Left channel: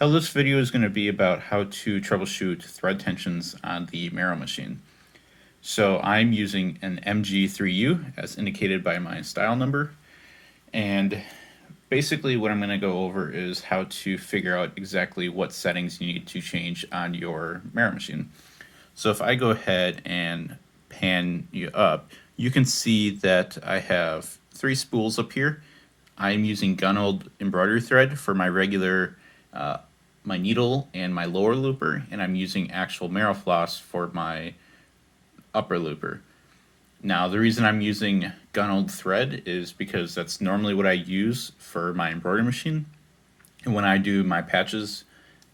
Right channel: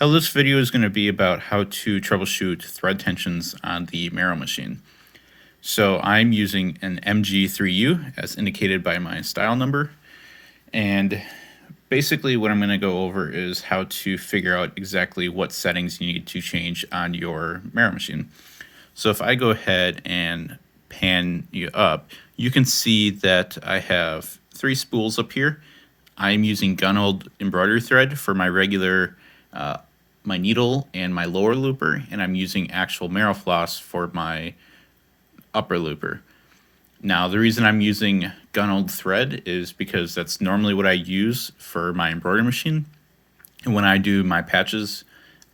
Hello, this video is going to be about how to troubleshoot thread tensions on the Merrow machine. So I'm using an MG-3U as indicated by my style number, and basically what I'm going to go over is how to figure out exactly what settings you need to change on your Merrow machine. So if I go ahead and pan you up, you can see that I have 3 spools up here. I'm using gun-old embroidery thread for my regular my needle and my lower looper, and I'm using actual Merrow floss for my upper looper. Now, the reason I'm using gun-old thread is because that's normally what I use for my embroidery machine. And when I do my patches,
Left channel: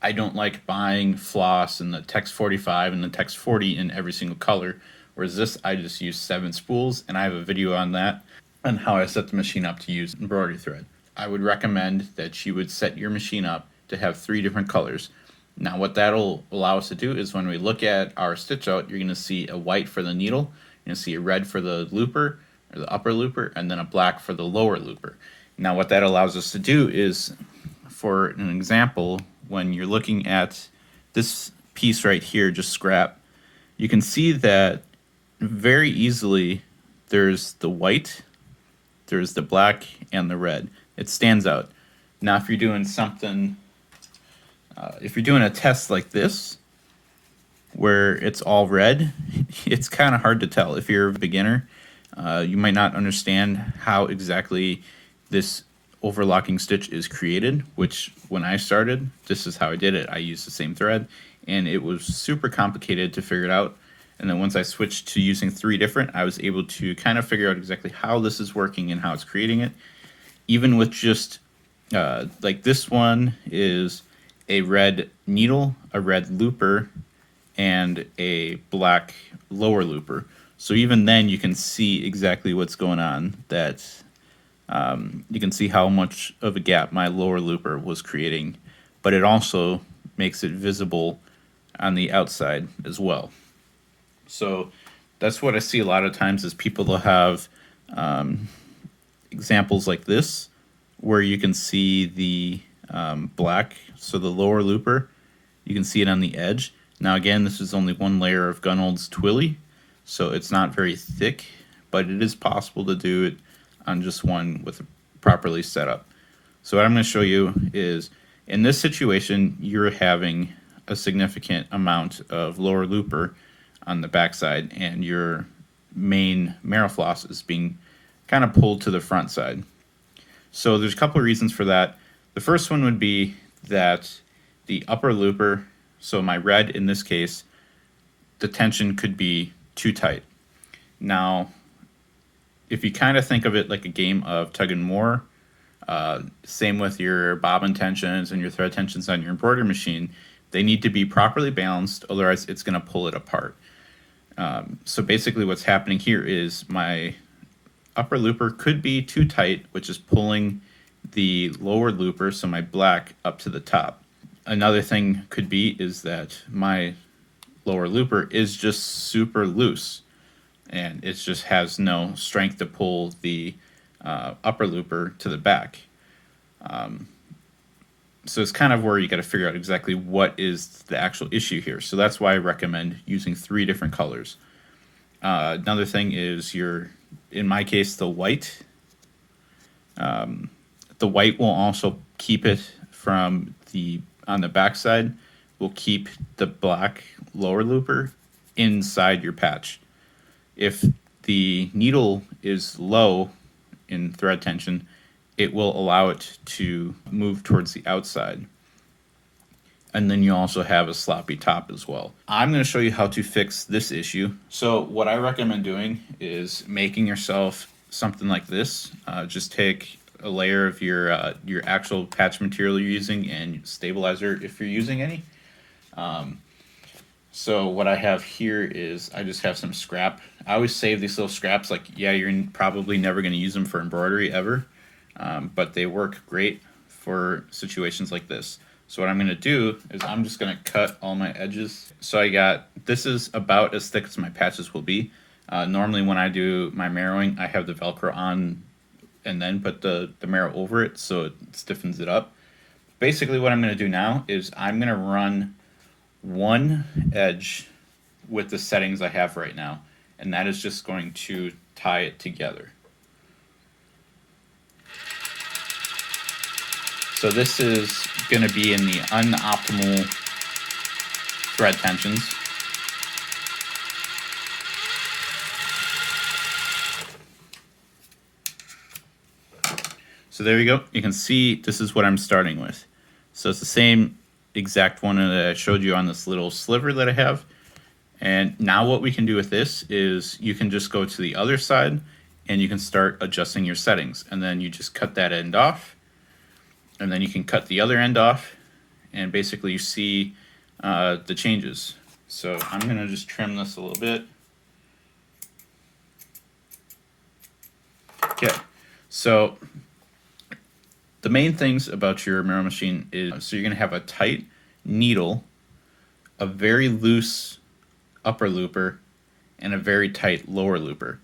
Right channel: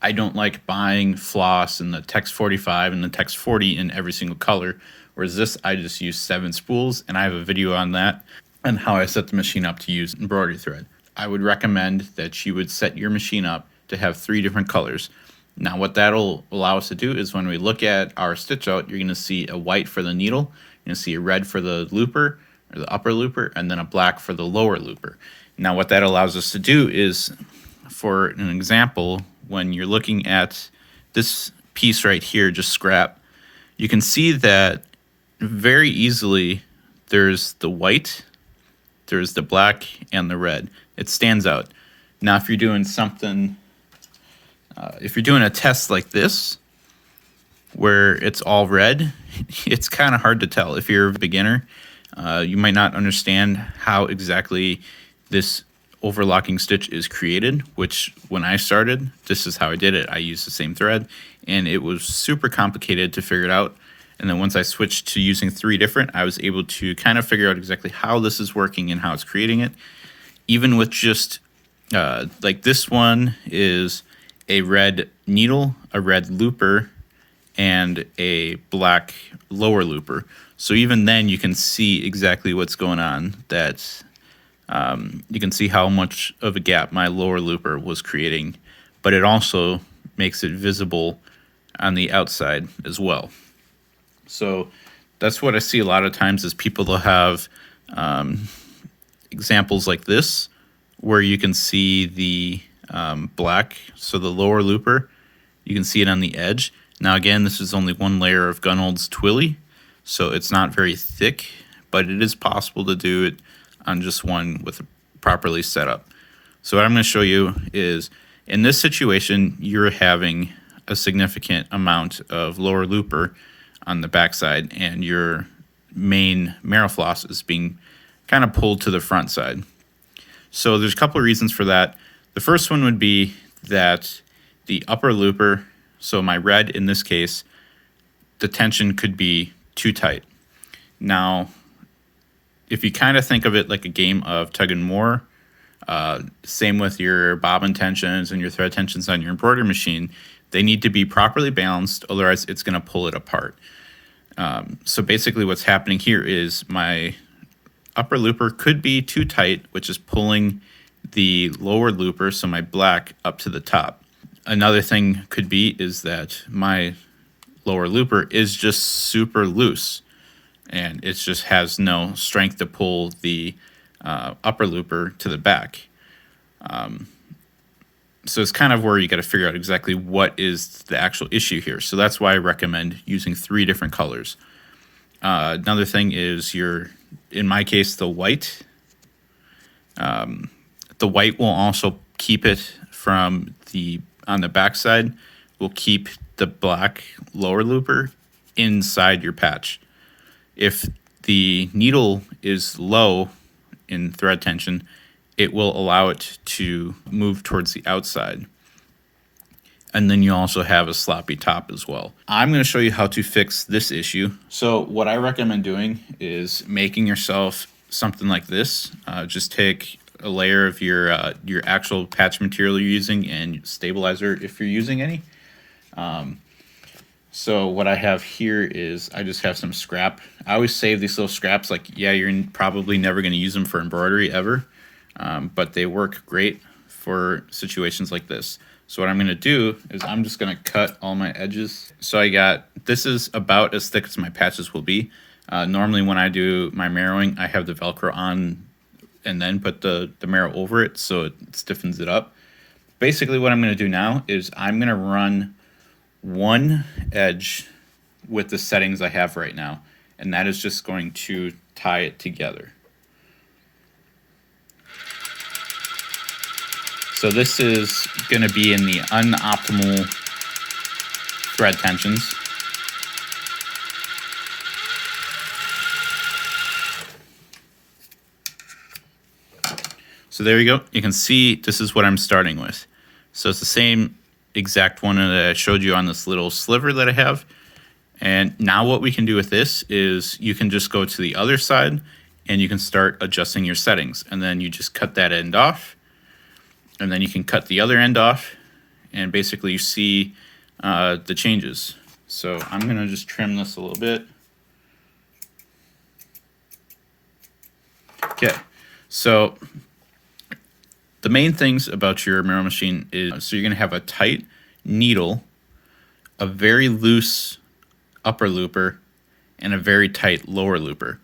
I don't like buying floss and the Tex 45 and the Tex 40 in every single color. Whereas this, I just use 7 spools, and I have a video on that and how I set the machine up to use embroidery thread. I would recommend that you would set your machine up to have 3 different colors. Now what that'll allow us to do is when we look at our stitch out, you're going to see a white for the needle, you're going to see a red for the looper or the upper looper, and then a black for the lower looper. Now what that allows us to do is, for an example, when you're looking at this piece right here, just scrap, you can see that very easily there's the white, there's the black, and the red. It stands out. Now if you're doing something, if you're doing a test like this, where it's all red, it's kind of hard to tell. If you're a beginner, you might not understand how exactly this overlocking stitch is created, which when I started, this is how I did it. I used the same thread, and it was super complicated to figure it out. And then once I switched to using 3 different, I was able to kind of figure out exactly how this is working and how it's creating it. Even with just, like this one is a red needle, a red looper, and a black lower looper. So even then you can see exactly what's going on. That you can see how much of a gap my lower looper was creating, but it also makes it visible on the outside as well. So that's what I see a lot of times is people will have examples like this where you can see the black, so the lower looper, you can see it on the edge. Now again, this is only 1 layer of Gun-Old's Twilly, so it's not very thick, but it is possible to do it on just one with properly set up. So what I'm going to show you is, in this situation, you're having a significant amount of lower looper on the backside, and your main Merrow floss is being kind of pulled to the front side. So there's a couple of reasons for that. The first one would be that the upper looper, so my red in this case, the tension could be too tight. Now, if you kind of think of it like a game of tug and more, same with your bobbin tensions and your thread tensions on your embroidery machine, they need to be properly balanced, otherwise it's going to pull it apart. So basically what's happening here is my upper looper could be too tight, which is pulling the lower looper, so my black, up to the top. Another thing could be is that my lower looper is just super loose, and it just has no strength to pull the upper looper to the back. So it's kind of where you got to figure out exactly what is the actual issue here. So that's why I recommend using 3 different colors. Another thing is in my case, the white. The white will also keep it from on the back side, will keep the black lower looper inside your patch. If the needle is low in thread tension, it will allow it to move towards the outside. And then you also have a sloppy top as well. I'm going to show you how to fix this issue. So what I recommend doing is making yourself something like this. Just take a layer of your actual patch material you're using and stabilizer if you're using any. So what I have here is I just have some scrap. I always save these little scraps, like, yeah, you're probably never going to use them for embroidery ever, but they work great for situations like this. So what I'm going to do is I'm just going to cut all my edges. So this is about as thick as my patches will be. Normally when I do my marrowing, I have the Velcro on and then put the Merrow over it so it stiffens it up. basically what I'm going to do now is I'm going to run one edge with the settings I have right now, and that is just going to tie it together. So this is going to be in the unoptimal thread tensions. So there you go. You can see this is what I'm starting with. So it's the same exact one that I showed you on this little sliver that I have. And now what we can do with this is you can just go to the other side and you can start adjusting your settings. And then you just cut that end off. And then you can cut the other end off. And basically you see the changes. So I'm going to just trim this a little bit. Okay, so the main things about your Merrow machine is, so you're going to have a tight needle, a very loose upper looper, and a very tight lower looper.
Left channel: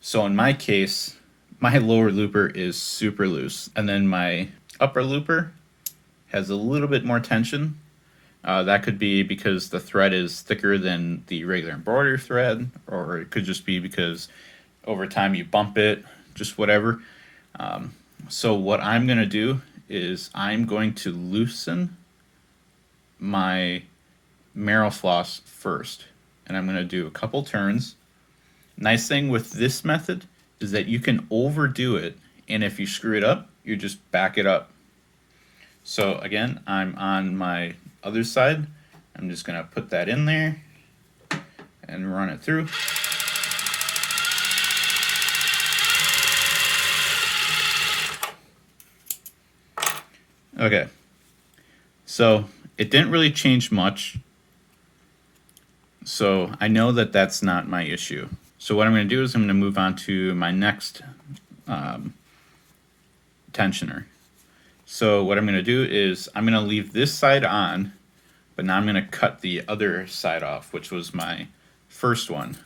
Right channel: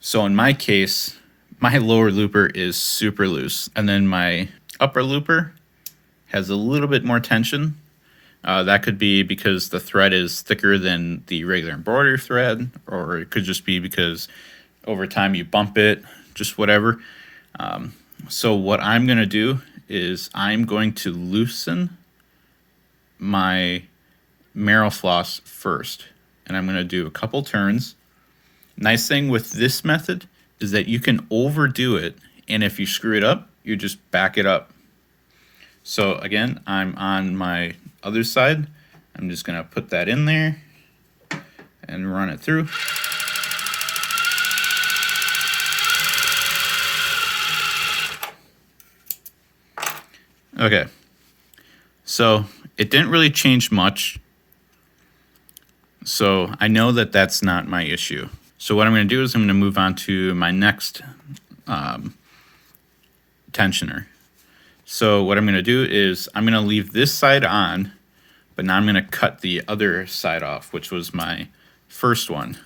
So in my case, my lower looper is super loose, and then my upper looper has a little bit more tension. That could be because the thread is thicker than the regular embroidery thread, or it could just be because over time you bump it, just whatever. So what I'm going to do is I'm going to loosen my Merrow floss first. And I'm going to do a couple turns. Nice thing with this method is that you can overdo it. And if you screw it up, you just back it up. So again, I'm on my other side. I'm just going to put that in there and run it through. Okay, so it didn't really change much, so I know that that's not my issue. So what I'm going to do is I'm going to move on to my next tensioner. So what I'm going to do is I'm going to leave this side on, but now I'm going to cut the other side off, which was my first one.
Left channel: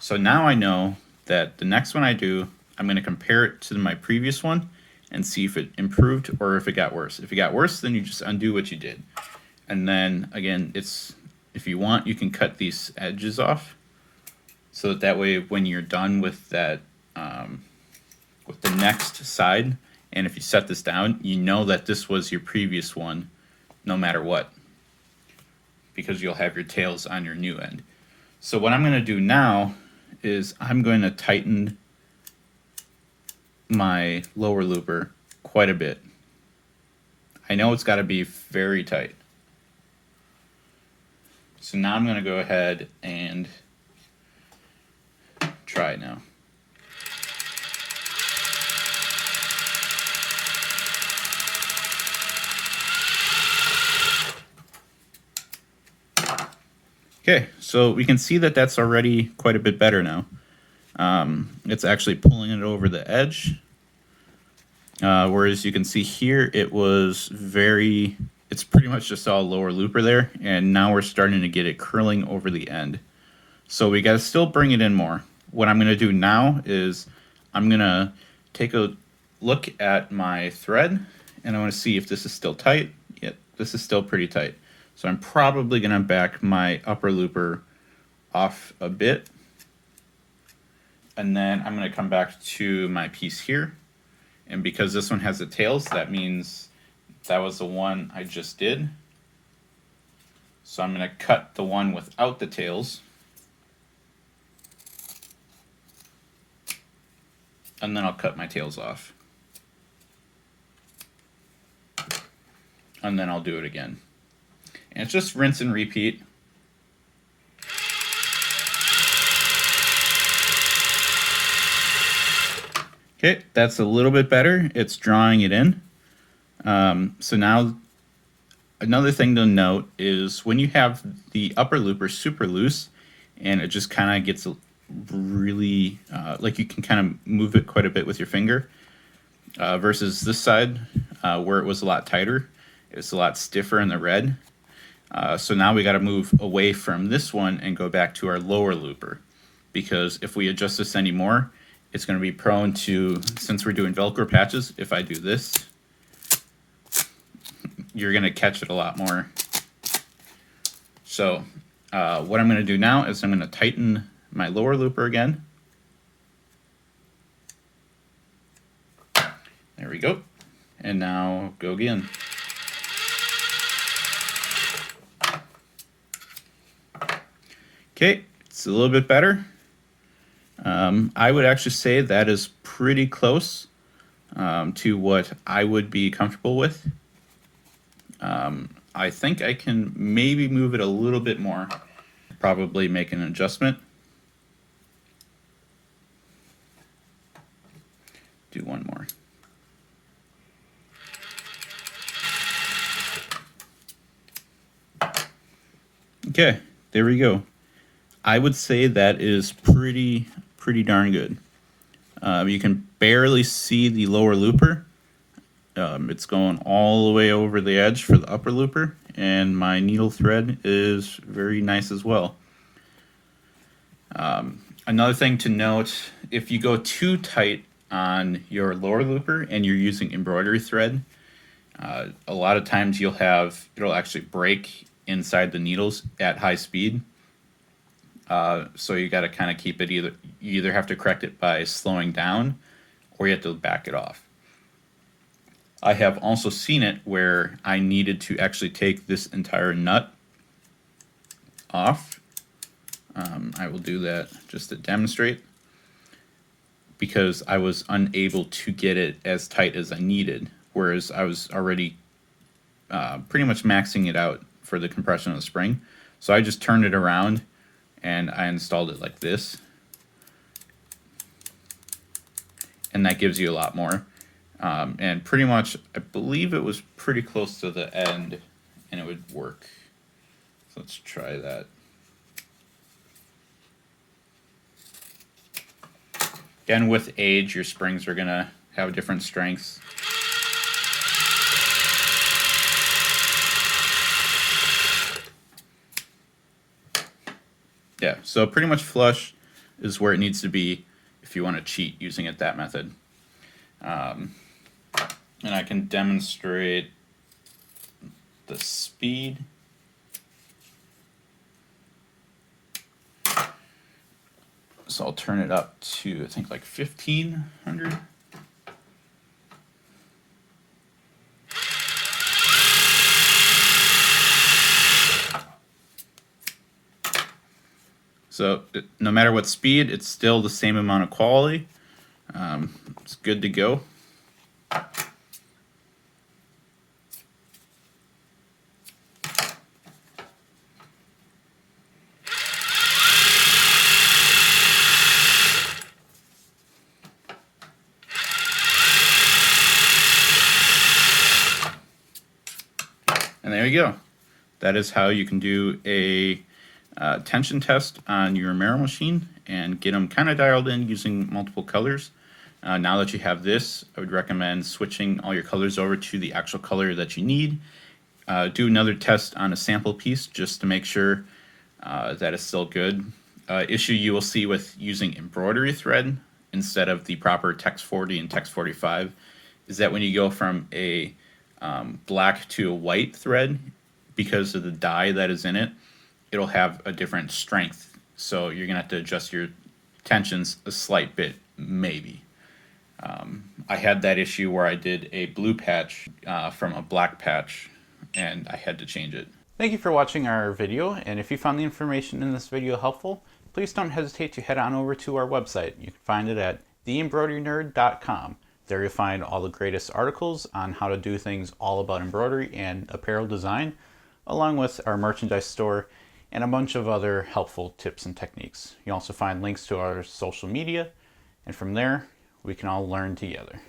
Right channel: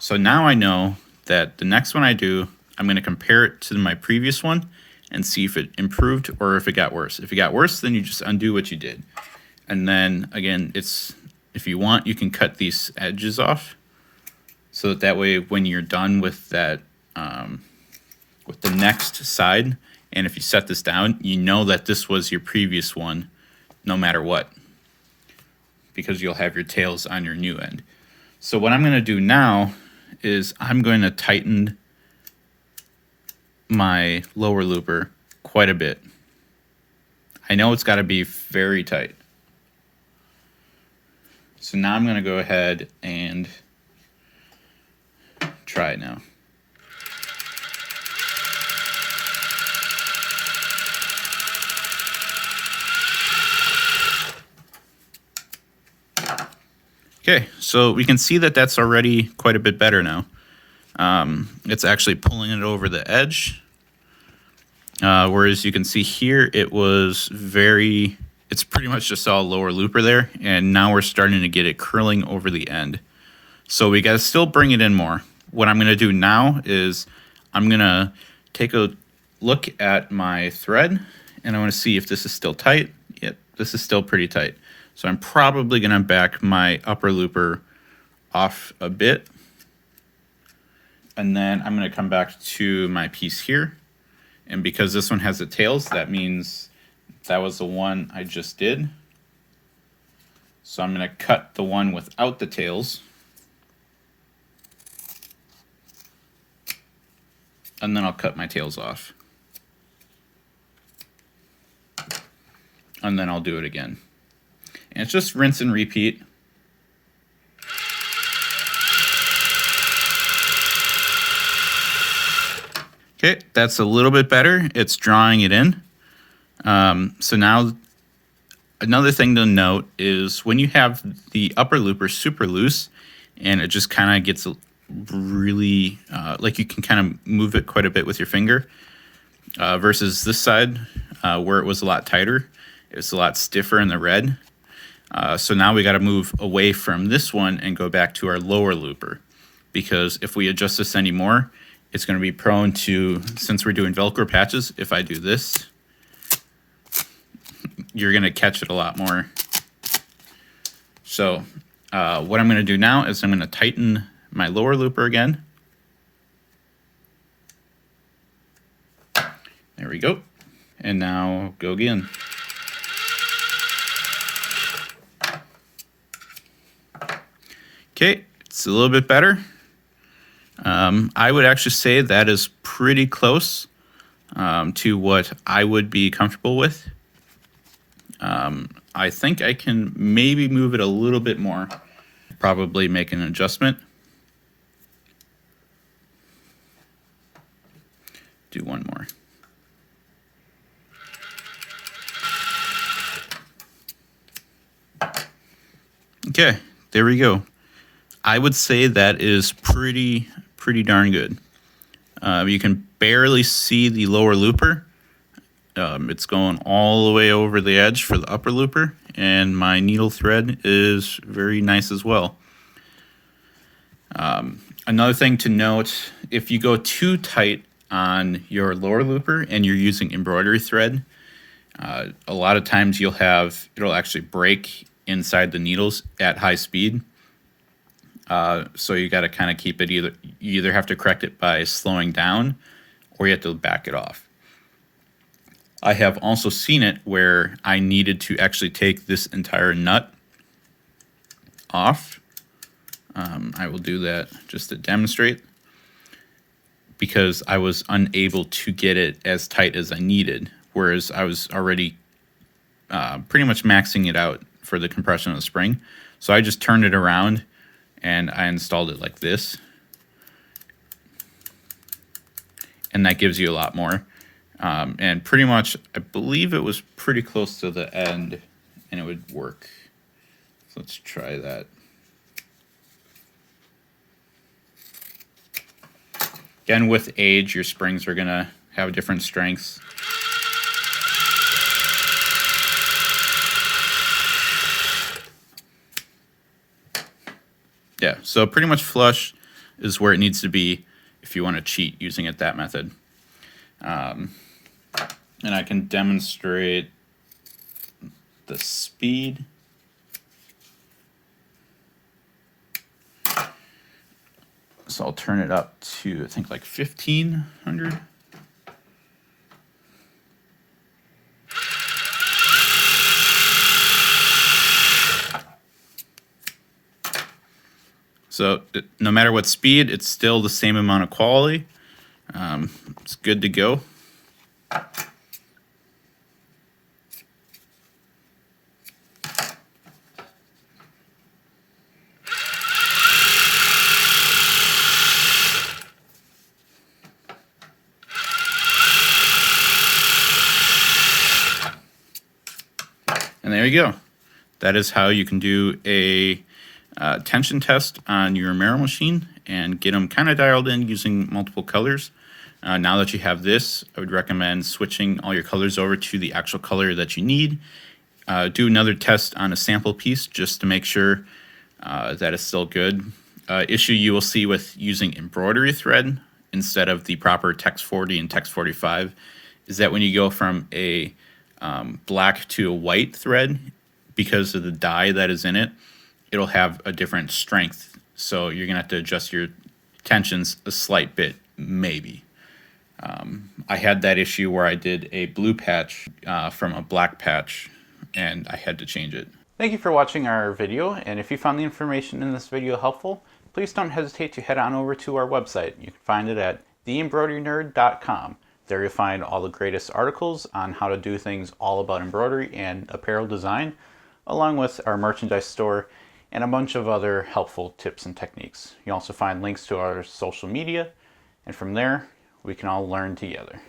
So now I know that the next one I do, I'm going to compare it to my previous one and see if it improved or if it got worse. If it got worse, then you just undo what you did. And then again, if you want, you can cut these edges off so that way when you're done with that, with the next side, and if you set this down, you know that this was your previous one no matter what, because you'll have your tails on your new end. So what I'm going to do now is I'm going to tighten my lower looper quite a bit. I know it's got to be very tight. So now I'm going to go ahead and try it now. Okay, so we can see that that's already quite a bit better now. It's actually pulling it over the edge. Whereas you can see here, it's pretty much just all lower looper there. And now we're starting to get it curling over the end. So we got to still bring it in more. What I'm going to do now is I'm going to take a look at my thread and I want to see if this is still tight. Yep, this is still pretty tight. So I'm probably going to back my upper looper off a bit. And then I'm going to come back to my piece here. And because this one has the tails, that means that was the one I just did. So I'm going to cut the one without the tails. And then I'll cut my tails off. And then I'll do it again. And it's just rinse and repeat. Okay, that's a little bit better. It's drawing it in. So now another thing to note is when you have the upper looper super loose and it just kind of gets really, like you can kind of move it quite a bit with your finger versus this side where it was a lot tighter. It's a lot stiffer in the red. So now we got to move away from this one and go back to our lower looper, because if we adjust this anymore, it's going to be prone to, since we're doing Velcro patches, if I do this, you're going to catch it a lot more. So what I'm going to do now is I'm going to tighten my lower looper again. There we go. And now go again. Okay, it's a little bit better. I would actually say that is pretty close to what I would be comfortable with. I think I can maybe move it a little bit more. Probably make an adjustment. Do one more. Okay, there we go. I would say that is pretty darn good. You can barely see the lower looper. It's going all the way over the edge for the upper looper, and my needle thread is very nice as well. Another thing to note, if you go too tight on your lower looper and you're using embroidery thread, a lot of times it'll actually break inside the needles at high speed. So you got to kind of keep it you either have to correct it by slowing down or you have to back it off. I have also seen it where I needed to actually take this entire nut off. I will do that just to demonstrate, because I was unable to get it as tight as I needed, whereas I was already pretty much maxing it out for the compression of the spring. So I just turned it around and I installed it like this, and that gives you a lot more. And pretty much, I believe it was pretty close to the end and it would work. So let's try that. Again, with age, your springs are gonna have different strengths. Yeah, so pretty much flush is where it needs to be if you want to cheat using it that method. And I can demonstrate the speed. So I'll turn it up to, I think, like 1500. So no matter what speed, it's still the same amount of quality. It's good to go. And there you go. That is how you can do a tension test on your Merrow machine and get them kind of dialed in using multiple colors. Now that you have this, I would recommend switching all your colors over to the actual color that you need. Do another test on a sample piece just to make sure that it's still good. Issue you will see with using embroidery thread instead of the proper Tex 40 and Tex 45 is that when you go from a black to a white thread, because of the dye that is in it, it'll have a different strength. So you're gonna have to adjust your tensions a slight bit, maybe. I had that issue where I did a blue patch from a black patch, and I had to change it. Thank you for watching our video, and if you found the information in this video helpful, please don't hesitate to head on over to our website. You can find it at theembroiderynerd.com. There you'll find all the greatest articles on how to do things all about embroidery and apparel design, along with our merchandise store and a bunch of other helpful tips and techniques. You'll also find links to our social media, and from there, we can all learn together.